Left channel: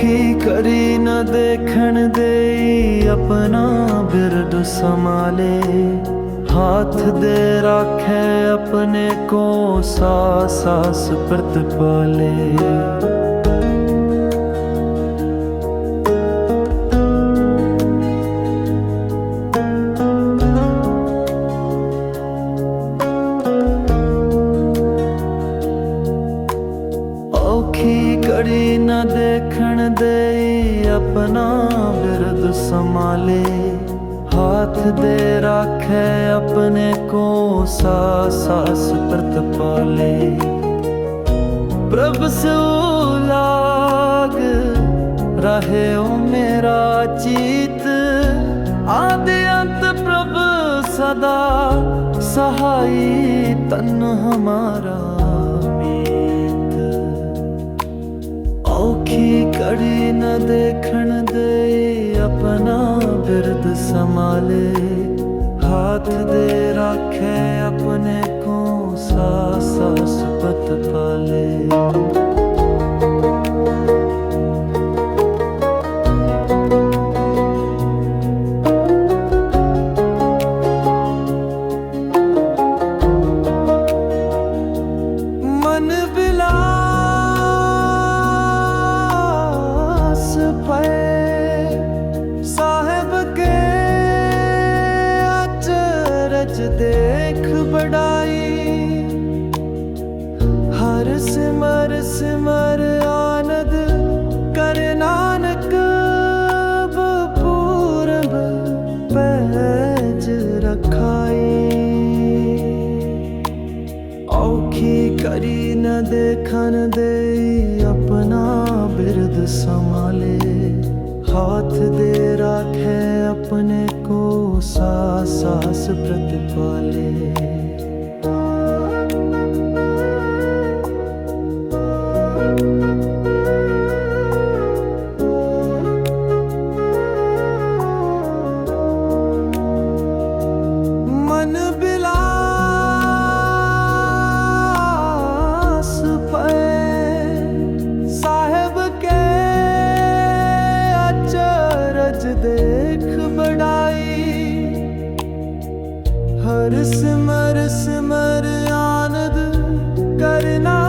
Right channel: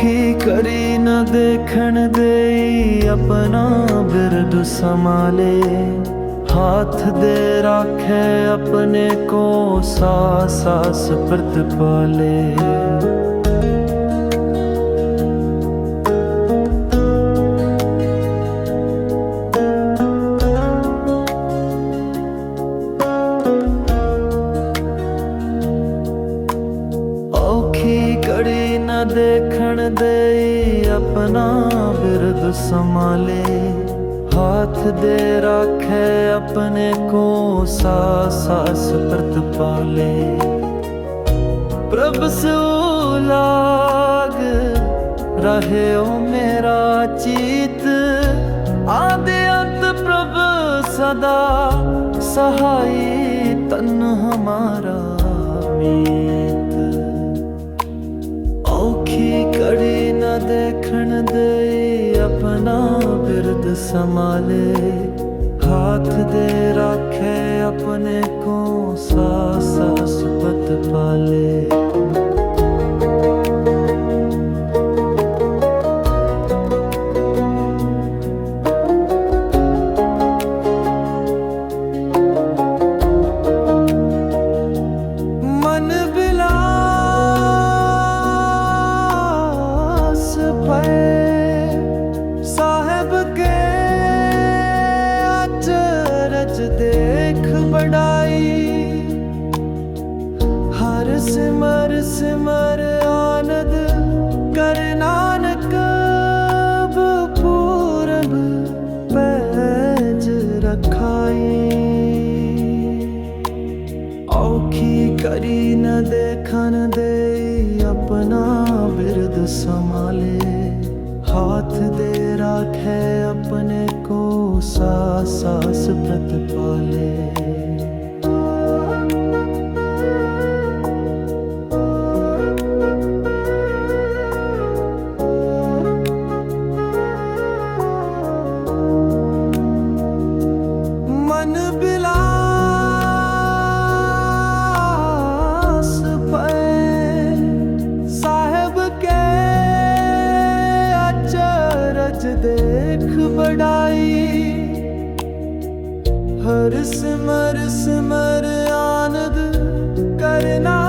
ਔਖੀ ਕਰੀ ਨਾ ਦੇਖਣ ਦੇਈ ਆਪਣਾ ਬਿਰਦ ਸੰਭਾਲੇ। ਹਾਥ ਦੇ ਰਾਖੇ ਆਪਣੇ ਕੋ ਸਾ ਸਾਸ ਪ੍ਰਤ ਪਾਲੇ। ਕੜੀ ਨਾ ਦੇਖਣ ਦੇਈ ਆਪਣਾ ਬਿਰਦ ਸੰਭਾਲੇ। ਹਾਥ ਦੇ ਰਾਖੇ ਆਪਣੇ ਕੋ ਸਾ ਸਾਸ ਪ੍ਰਤ ਪਾਲੇ। ਪ੍ਰਭ ਸੋ ਲਾਗ ਰਹੇ ਓ ਮੇਰਾ ਚੀਤ। ਆਦਿ ਅੰਤ ਪ੍ਰਭ ਸਦਾ ਸਹਾਈ ਤਨ ਹਮਾਰਾ। ਨ ਦੇਖਣ ਦੇ ਆਪਣਾ ਬਿਰਦ ਸੰਭਾਲੇ, ਹੱਥ ਦੇ ਰਾਖੇ ਆਪਣੇ ਕੋ ਸਾਸ ਪਤ ਪਾਲੇ। ਮਨ ਬਿਲਾ ਪਏ ਸਾਹਿਬ ਕੇ ਅਚਰਜ ਦੇਖ ਬੜਾਈ ਹਰ ਸਿਮਰ ਸਿਮਰ ਆਨੰਦ ਕਰ ਨਾਨਕ ਪੂਰਬ ਪੈਜ ਰਖਾਈ। ਔਖੀ ਕਰੀ ਨ ਦੇਖਣ ਦੇ ਆਪਣਾ ਬਿਰਦ ਸੰਭਾਲੇ। ਹਾਥ ਦੇ ਰਾਖੇ ਆਪਣੇ ਕੋ ਸਾ ਸਾਸ ਪ੍ਰਤ ਪਾਲੇ ਮਨ ਬਿਲਾ ਅਚਰਜ ਦੇਖ ਬੜਾਈ ਹਰ ਸਿਮਰ ਸਿਮਰ ਆਨੰਦ ਕਰਨਾ